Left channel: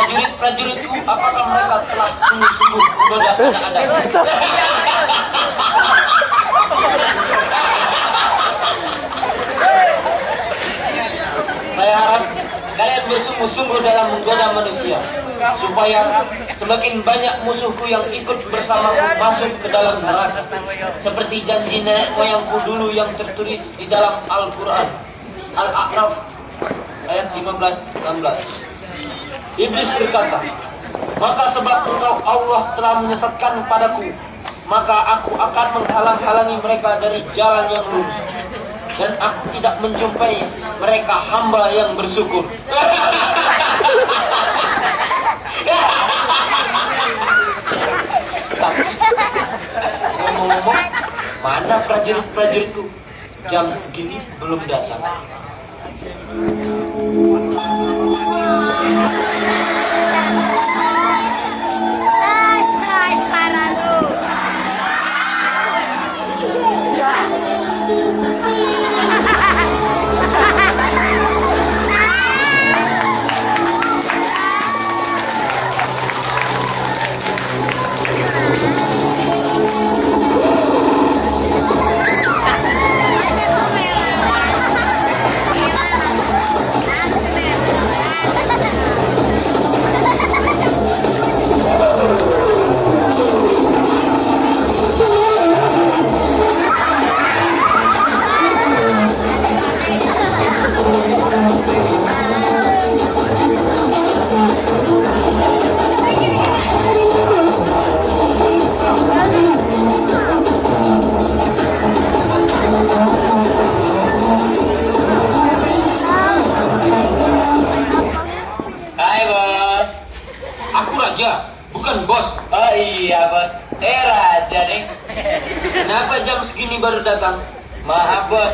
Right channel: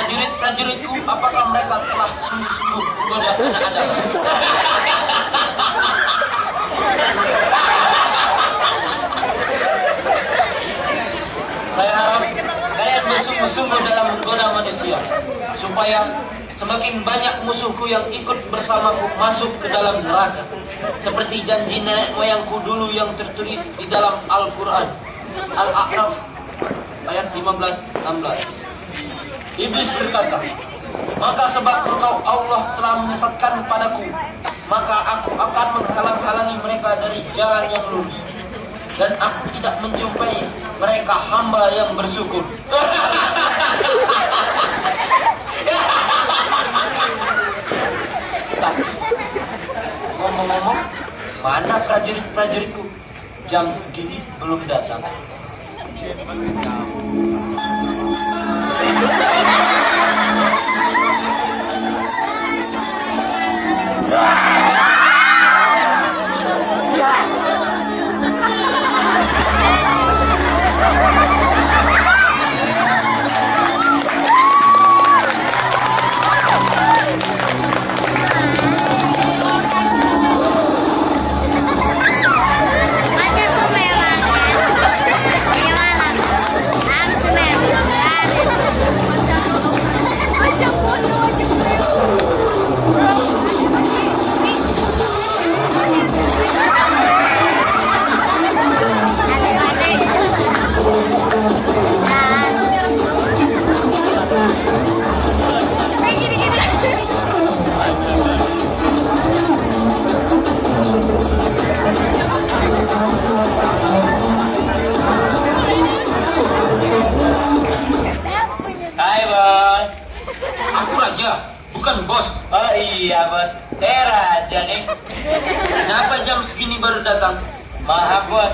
prajurit-prajuritku, apakah mereka telah sungguh-sungguh menggoda anak-anak? Saya harap kalian bersungguh-sungguh dalam menggoda manusia, supaya semakin banyak musuhku yang ikut bersamaku masuk ke dalam neraka, seperti janji nenek moyangku dulu yang tertulis di dalam Al-Quran Al-A'raf ayat 15-16. Iblis berkata, maka sebab engkau Allah telah menyesatkan padaku, maka aku akan menghalang-halangi mereka dari jalan yang lurus, dan aku tidak menjumpai mereka hamba yang bersyukur. Ngomong-ngomong, mana prajurit-prajuritku? Jam segini belum datang. Bukan bos. Oh iya bos, raja nih. Kenapa jam segini baru datang? Maaf bos,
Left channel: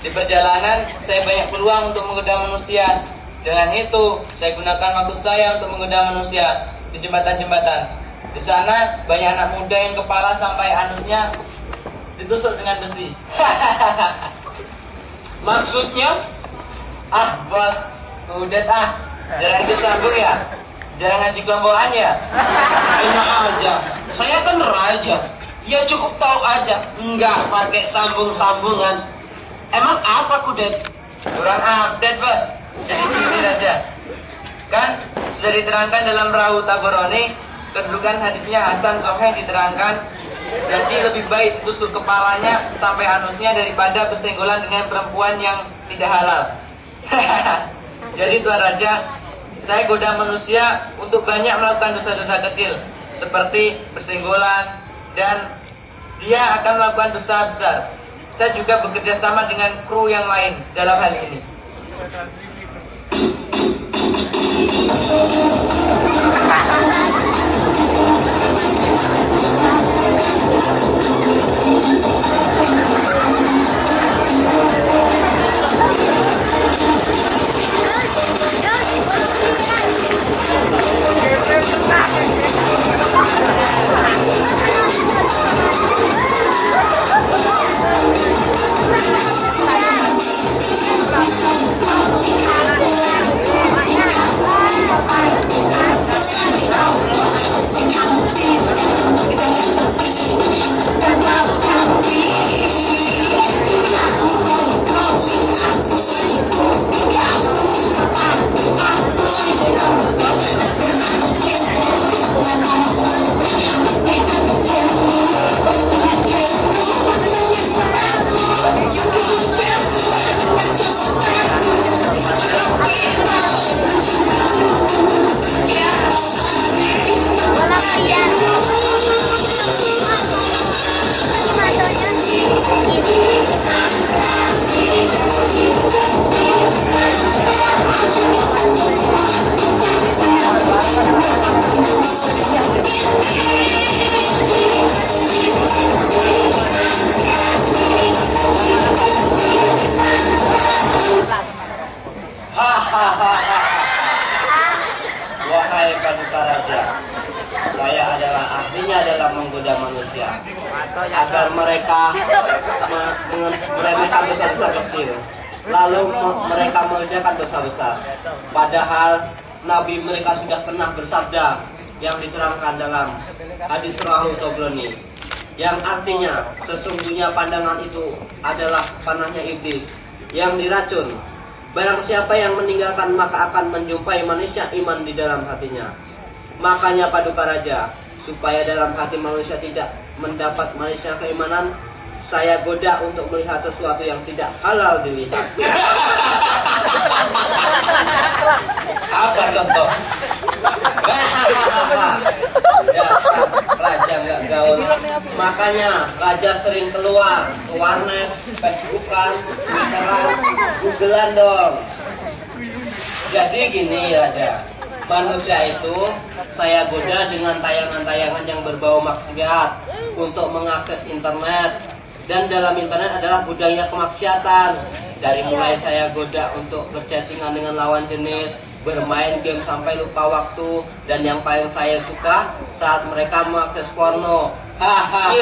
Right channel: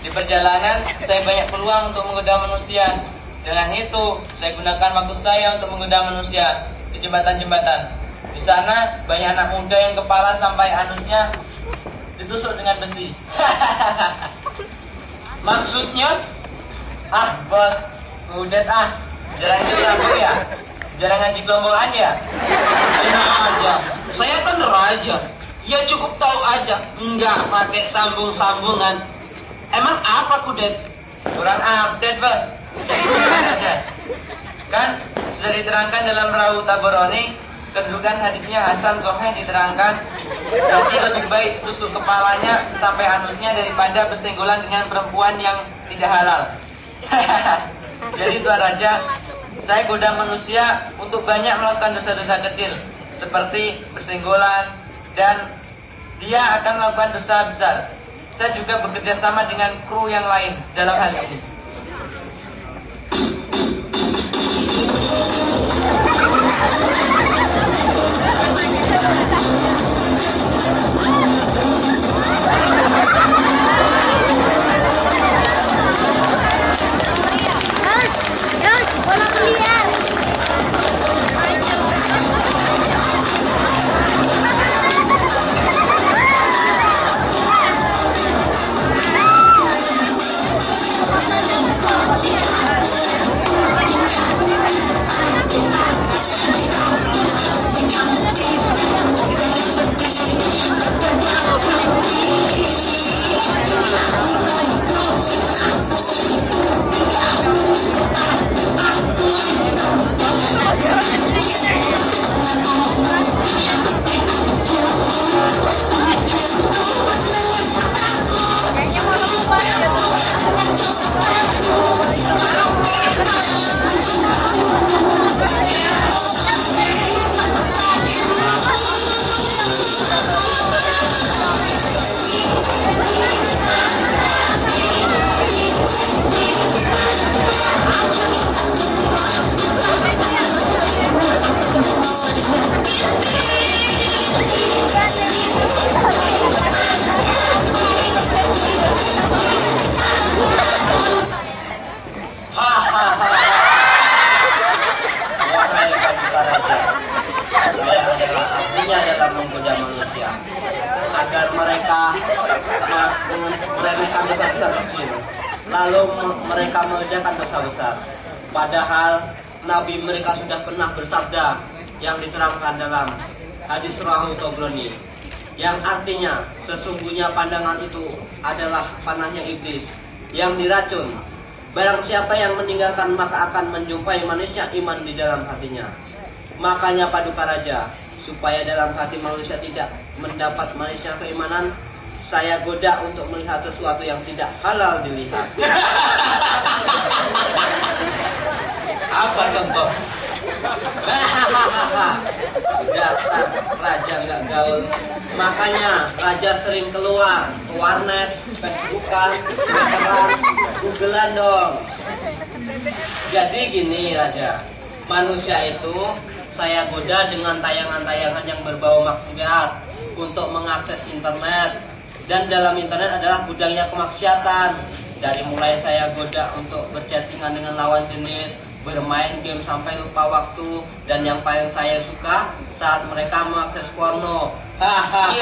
di perjalanan saya banyak peluang untuk menggoda manusia. Dengan itu saya gunakan waktu saya untuk menggoda manusia di jembatan-jembatan. Di sana banyak anak muda yang kepala sampai anusnya ditusuk dengan besi. Maksudnya? Ah bos, udah jarang disambung ya. Jarang ngaji kelompokan ya? Enak aja. Saya kan raja. Ya cukup tahu aja. Enggak pakai sambung-sambungan. Emang apa Kudet? Kurang update bos. Aja. Kan sudah diterangkan dalam Perahu Taboroni, kedudukan hadisnya Hasan Soheh diterangkan. Jadi lebih baik tusuk kepalanya sampai anusnya daripada bersenggolan dengan perempuan yang tidak halal. Jadi Tuan Raja, saya goda manusia untuk banyak melakukan dosa-dosa kecil seperti bersenggolan, dan dia akan melakukan dosa besar. Saya juga bekerja sama dengan kru yang lain dalam hal ini. Wahai Paduka Raja, saya adalah ahlinya dalam menggoda manusia agar mereka meremehkan dosa-dosa kecil, lalu mereka mengerjakan dosa besar. Padahal Nabi mereka sudah pernah bersabda yang diterangkan dalam hadis Rahu Tobroni, yang artinya sesungguhnya pandangan itu adalah panahnya iblis yang diracun. Barang siapa yang meninggalkan maka akan menjumpai manusia iman di dalam hatinya. Makanya Paduka Raja, supaya dalam hati manusia tidak mendapat manusia keimanan, saya goda untuk melihat sesuatu yang tidak halal dilihat. Apa contoh? Dasar raja nggak gaul. Makanya raja sering keluar ke warnet, Facebookan, Twitteran, Googlean dong. Jadi gini raja, manusia itu saya goda dengan tayangan-tayangan yang berbau maksiat untuk mengakses internet. Dan dalam internet adalah gudangnya kemaksiatan. Dari mulai saya goda untuk berchattingan dengan lawan jenis, bermain game sampai lupa waktu, dan yang paling saya suka saat mereka mengakses porno. Hahaha.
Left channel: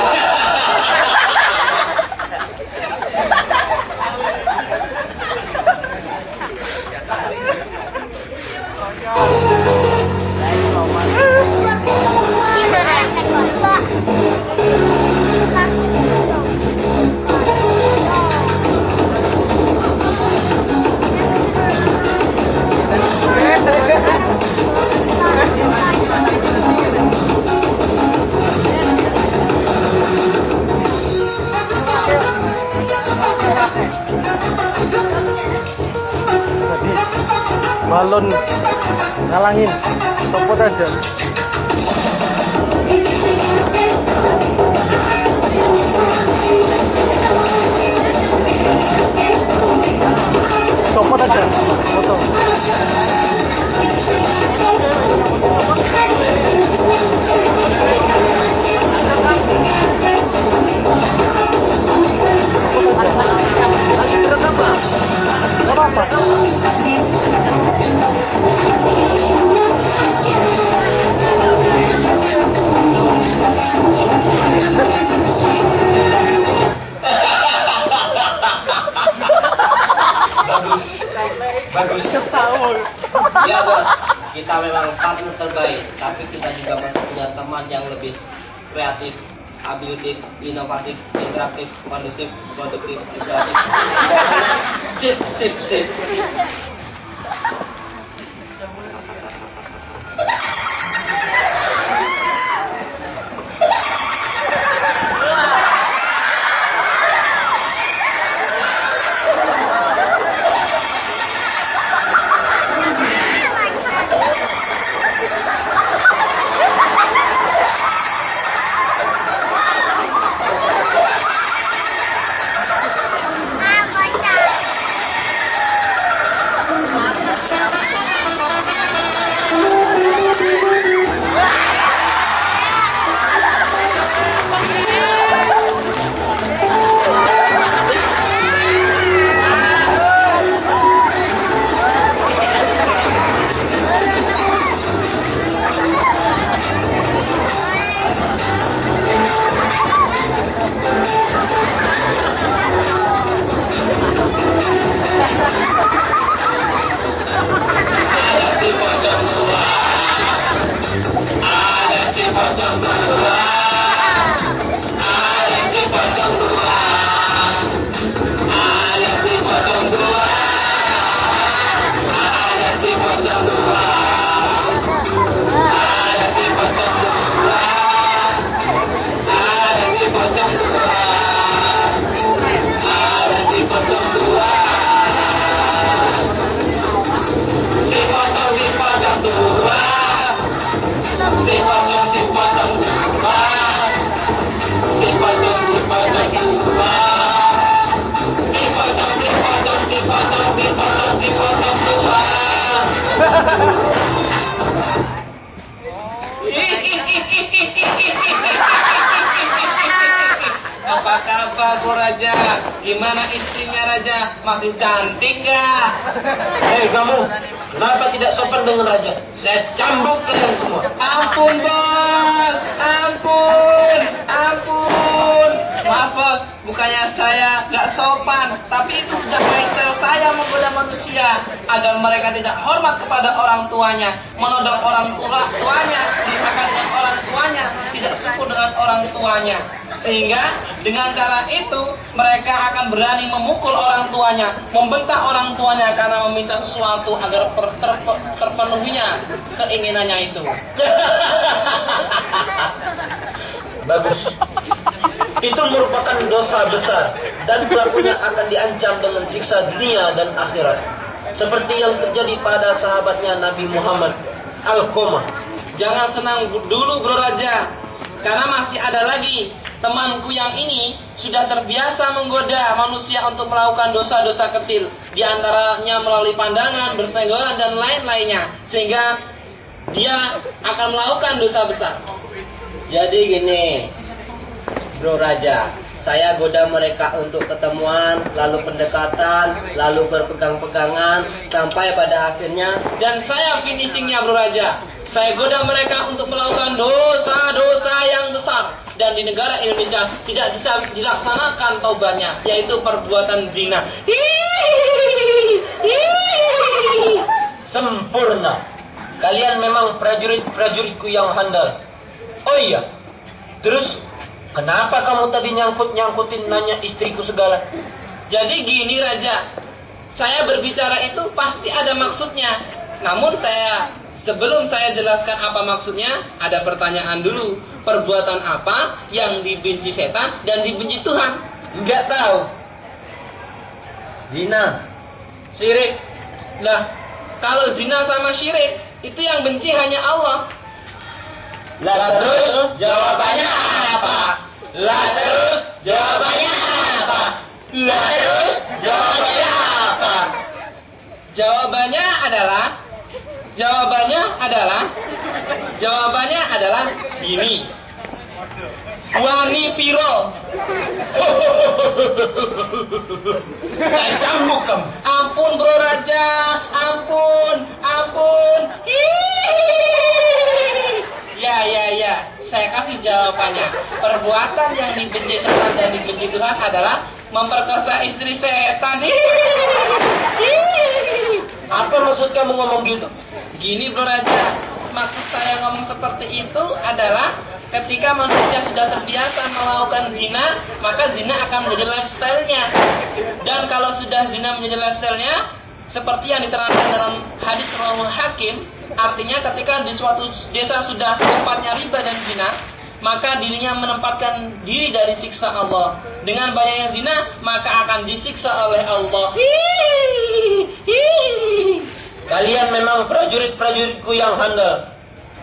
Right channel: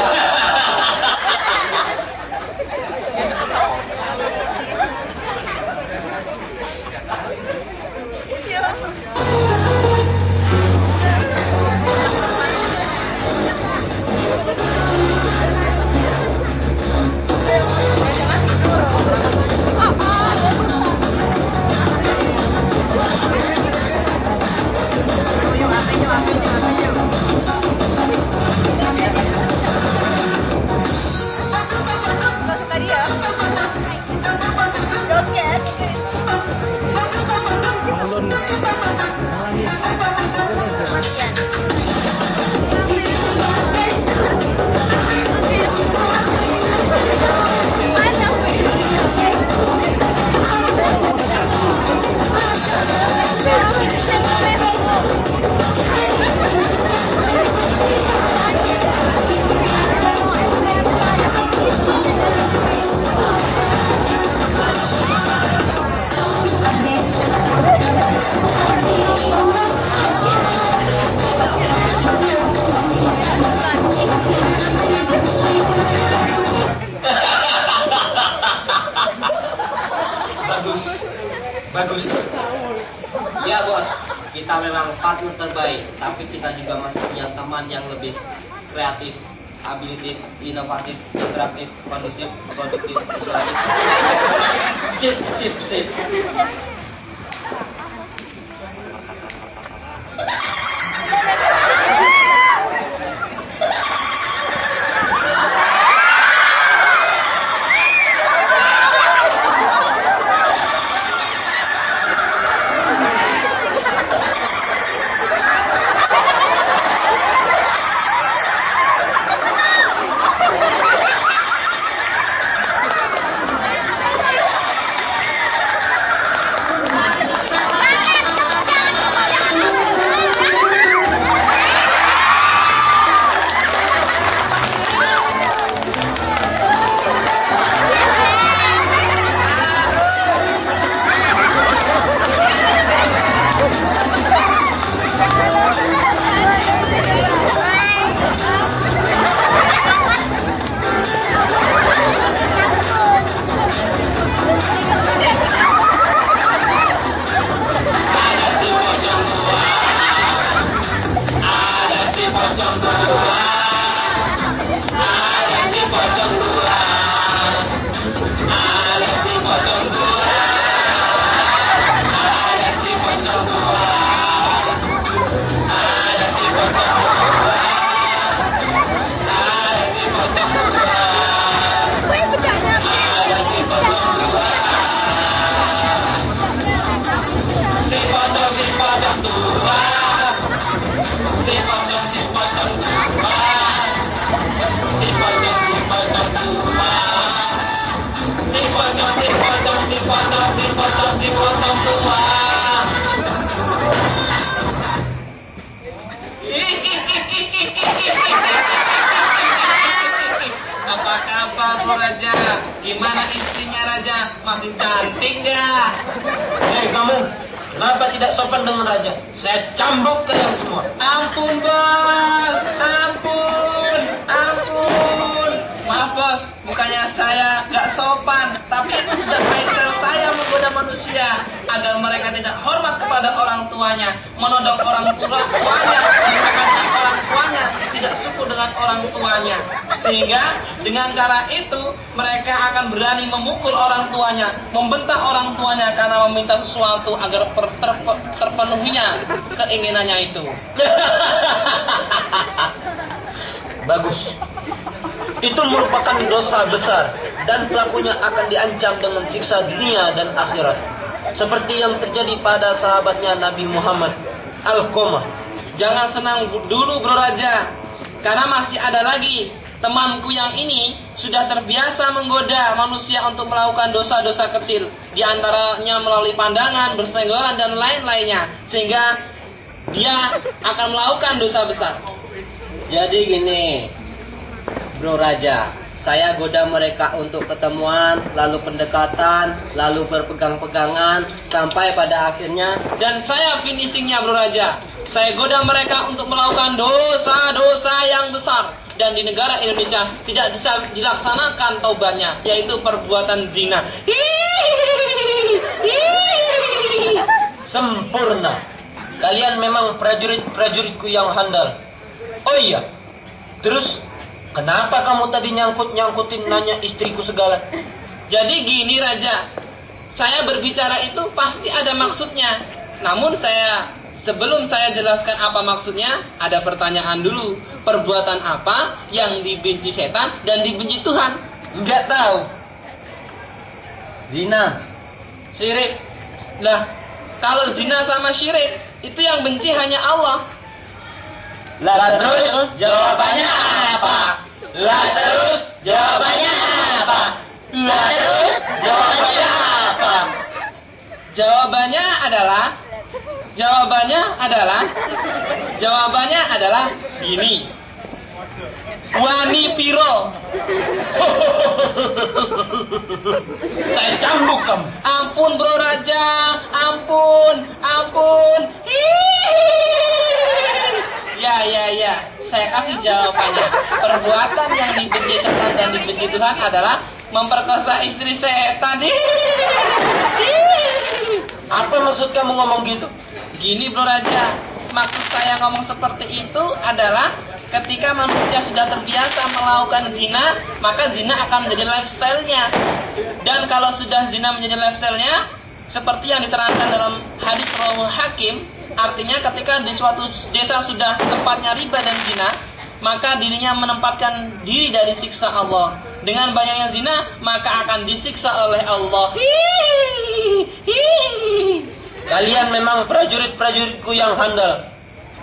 Balon ngalangin, copot aja. Copot aja, potong. Gak apa-apa. Bagus. Ya bos, kita memang partner terbaik, tapi kita juga masih punya teman yang lebih kreatif, abilitif, inovatif, interaktif, kondusif, produktif, isolatif. Sip. Apa kabar Bu Raja? Gimana istrinya Raja? Masih cantik nggak? Hei kamu, kenapa tidak sopan dengan raja? Saya cambuk kalian semua. Ampun bos, ampun. Maaf Maaf bos, bukannya saya gak sopan, tapi itu sudah style saya menggoda manusia agar mereka tidak hormat kepada orang tuanya, menodong orang tuanya, diremehkan dengan orang tuanya, tidak syukur dengan orang tuanya. Sehingga dengan cara itu mereka akan berani memukul orang tuanya, membentak orang tuanya karena meminta sesuatu agar terpenuhinya keinginannya itu. Bagus. Itu merupakan dosa besar dan pelakunya akan diancam dengan siksa dunia dan akhirat. Seperti yang terjadi pada sahabatnya Nabi Muhammad, Alqamah. Jangan senang dulu bro Raja, karena masih ada lagi temanku yang ini sudah terbiasa menggoda manusia untuk melakukan dosa-dosa kecil, di antaranya melalui pandangan, bersenggolan dan lain-lainnya, sehingga dia akan melakukan dosa besar. Jadi gini, Bro Raja, saya goda mereka untuk ketemuan, lalu pendekatan, lalu berpegang-pegangan, sampai pada akhirnya. Dan saya finishingnya bro Raja, saya goda mereka untuk melakukan dosa-dosa yang besar, dan di negara Indonesia tidak bisa dilaksanakan taubatnya, yaitu perbuatan zina. Sempurna. Kalian memang prajurit-prajuritku yang handal. Oh iya, terus kenapa kamu tadi nyangkutin nanya istriku segala? Jadi gini Raja, saya berbicara itu pasti ada maksudnya. Namun sebelum saya jelaskan apa maksudnya, ada pertanyaan dulu. Perbuatan apa yang dibenci setan dan dibenci Tuhan? Enggak tahu. Zina. Syirik. Lah, kalau zina sama syirik, itu yang benci hanya Allah. Lah terus jawabannya apa? Lah terus jawabannya apa? Lah terus jawabannya apa? Jawabannya adalah gini. Wani piro. Cambuk kamu. Ampun bro Raja, ampun. Ya, saya kasih jawabannya. Perbuatan yang dibenci setan dan dibenci Tuhan adalah memperkosa istri setan. Apa maksud kamu ngomong gitu? Gini bro Raja, maksud saya ngomong seperti itu adalah ketika manusia sudah terbiasa melakukan zina, maka zina akan menjadi lifestyle-nya. Dan kalau sudah zina menjadi lifestyle-nya, seperti yang diterangkan dalam hadis rawi Hakim, artinya ketika di suatu desa sudah tempatnya riba dan zina, maka dirinya menempatkan diri dari siksa Allah. Dengan banyaknya zina, maka akan disiksa oleh Allah. Kalian memang prajurit-prajuritku yang handal.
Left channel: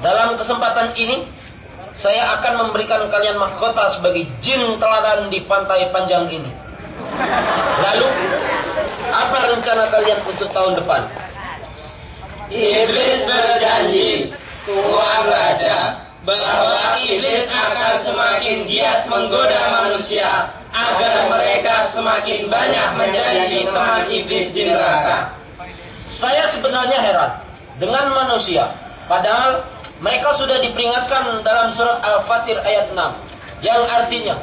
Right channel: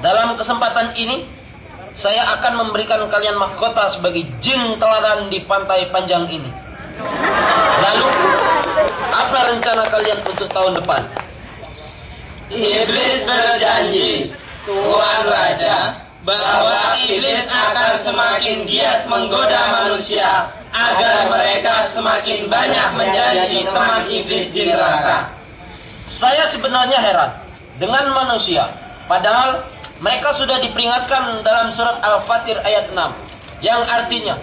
Dalam kesempatan ini, saya akan memberikan kalian mahkota sebagai jin teladan di pantai panjang ini. Lalu, apa rencana kalian untuk tahun depan? Iblis berjanji, Tuan Raja, bahwa iblis akan semakin giat menggoda manusia agar mereka semakin banyak menjadi teman iblis di neraka. Saya sebenarnya heran dengan manusia, padahal mereka sudah diperingatkan dalam surat Al-Fatir ayat 6, yang artinya,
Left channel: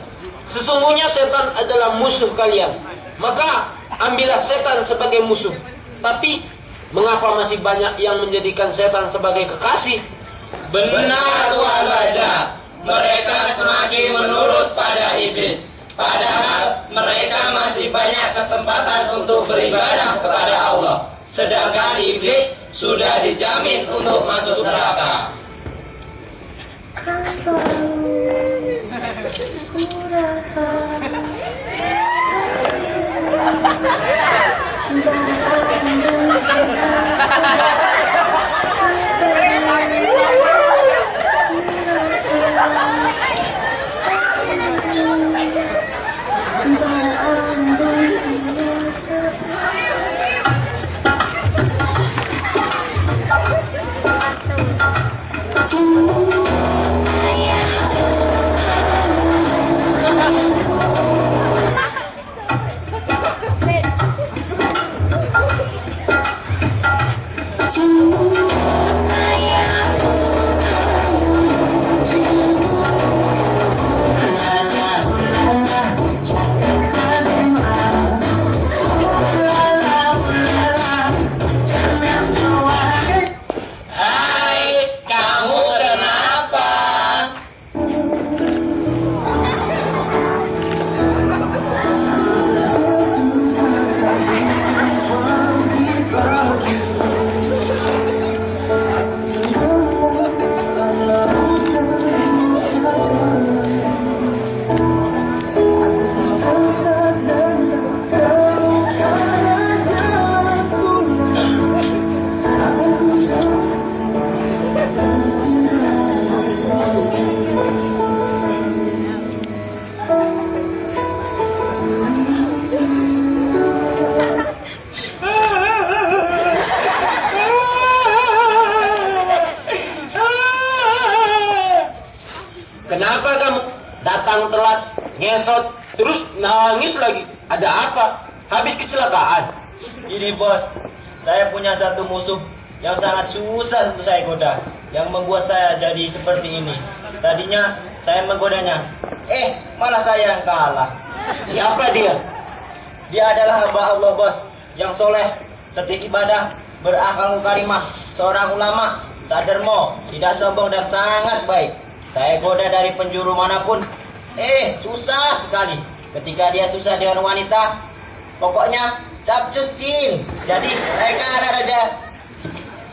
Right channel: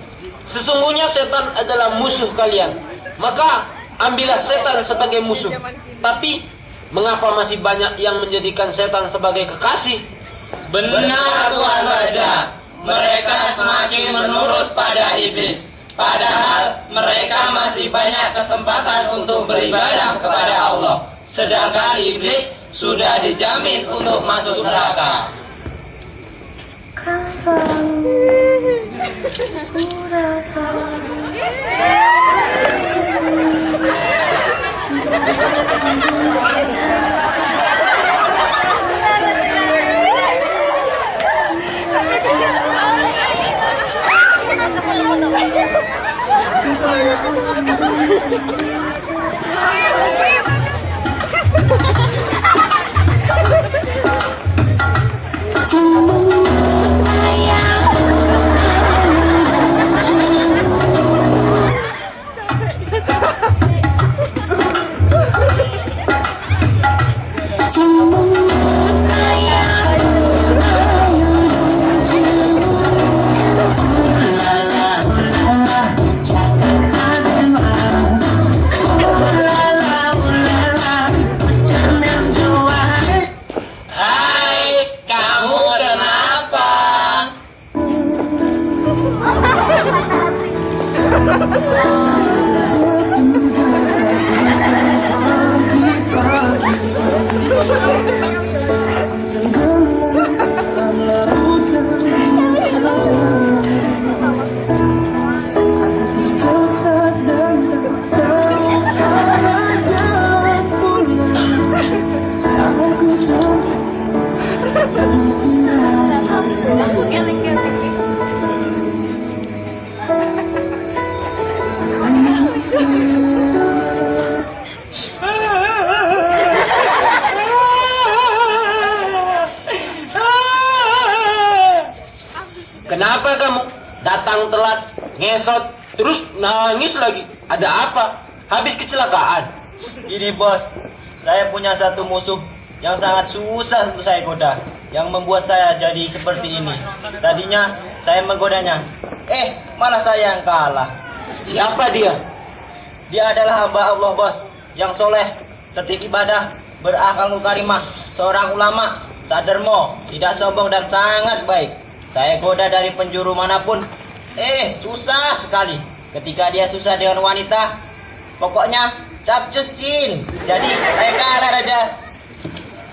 sesungguhnya setan adalah musuh kalian, maka ambillah setan sebagai musuh. Tapi, mengapa masih banyak yang menjadikan setan sebagai kekasih? Benar Tuan Raja, mereka semakin menurut pada iblis, padahal mereka masih banyak kesempatan untuk beribadah kepada Allah, sedangkan iblis sudah dijamin untuk masuk neraka. Kenapa kamu datang telat, ngesot, terus nangis lagi? Ada apa? Habis kecelakaan? Ini bos, saya punya satu musuh yang sangat susah untuk saya goda, yang membuat saya jadi seperti ini. Tadinya saya menggodanya, malah saya yang kalah. Siapa dia? Dia adalah hamba Allah bos, yang soleh, setia ibadah, berakhlak karimah, seorang ulama, tak dermo, tidak sombong dan sangat baik. Saya goda dari penjuru manapun, susah sekali. Ketika dia susah dengan wanita, pokoknya capcus cin. Jadi saya kalah raja.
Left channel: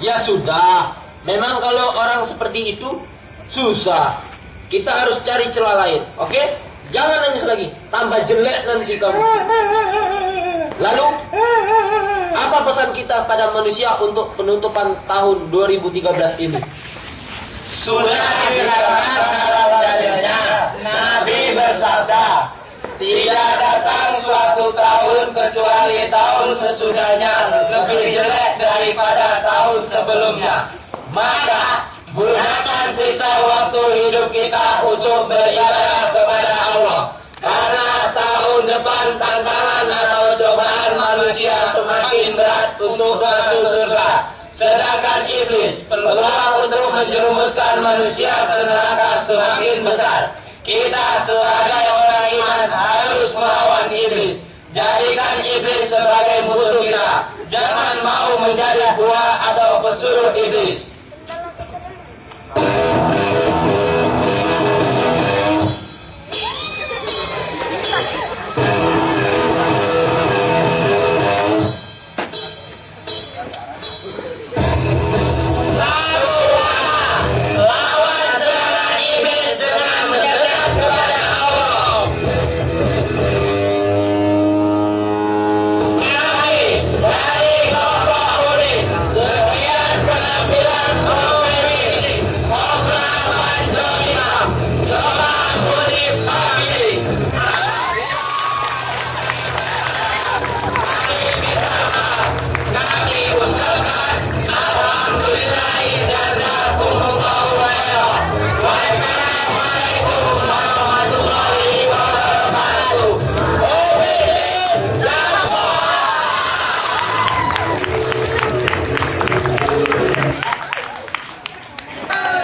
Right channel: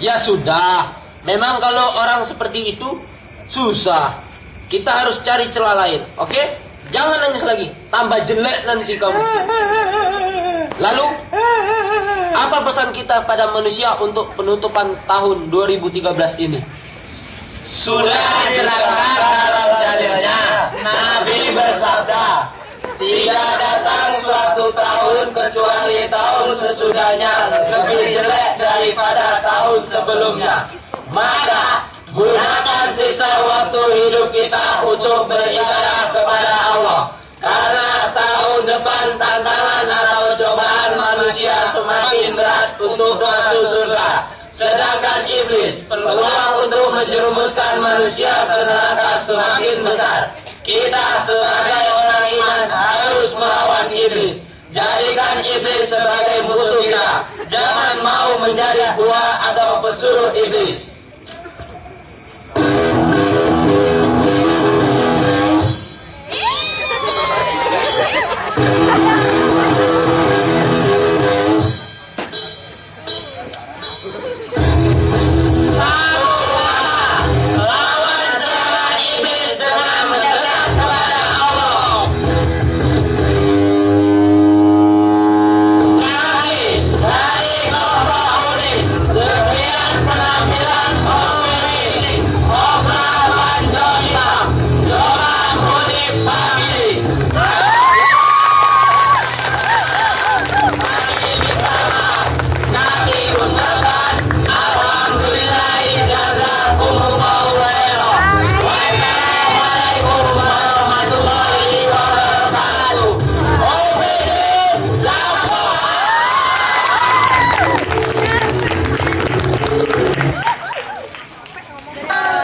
Ya sudah, memang kalau orang seperti itu susah. Kita harus cari celah lain, oke? Jangan nangis lagi, tambah jelek nanti kamu. Lalu, apa pesan kita pada manusia untuk penutupan tahun 2013 ini? Sudah diterangkan dalam dalilnya, Nabi bersabda, tidak datang suatu tahun kecuali tahun sesudahnya lebih jelek daripada tahun sebelumnya. Maka gunakan sisa waktu hidup kita untuk beribadah kepada Allah. Karena tahun depan tantangan atau cobaan manusia semakin berat untuk masuk surga. Sedangkan iblis peluang untuk menjerumuskan manusia ke neraka semakin besar. Kita sebagai orang iman harus melawan iblis. Jadikan iblis sebagai musuh kita. Jangan mau menjadi buah atau pesuruh iblis.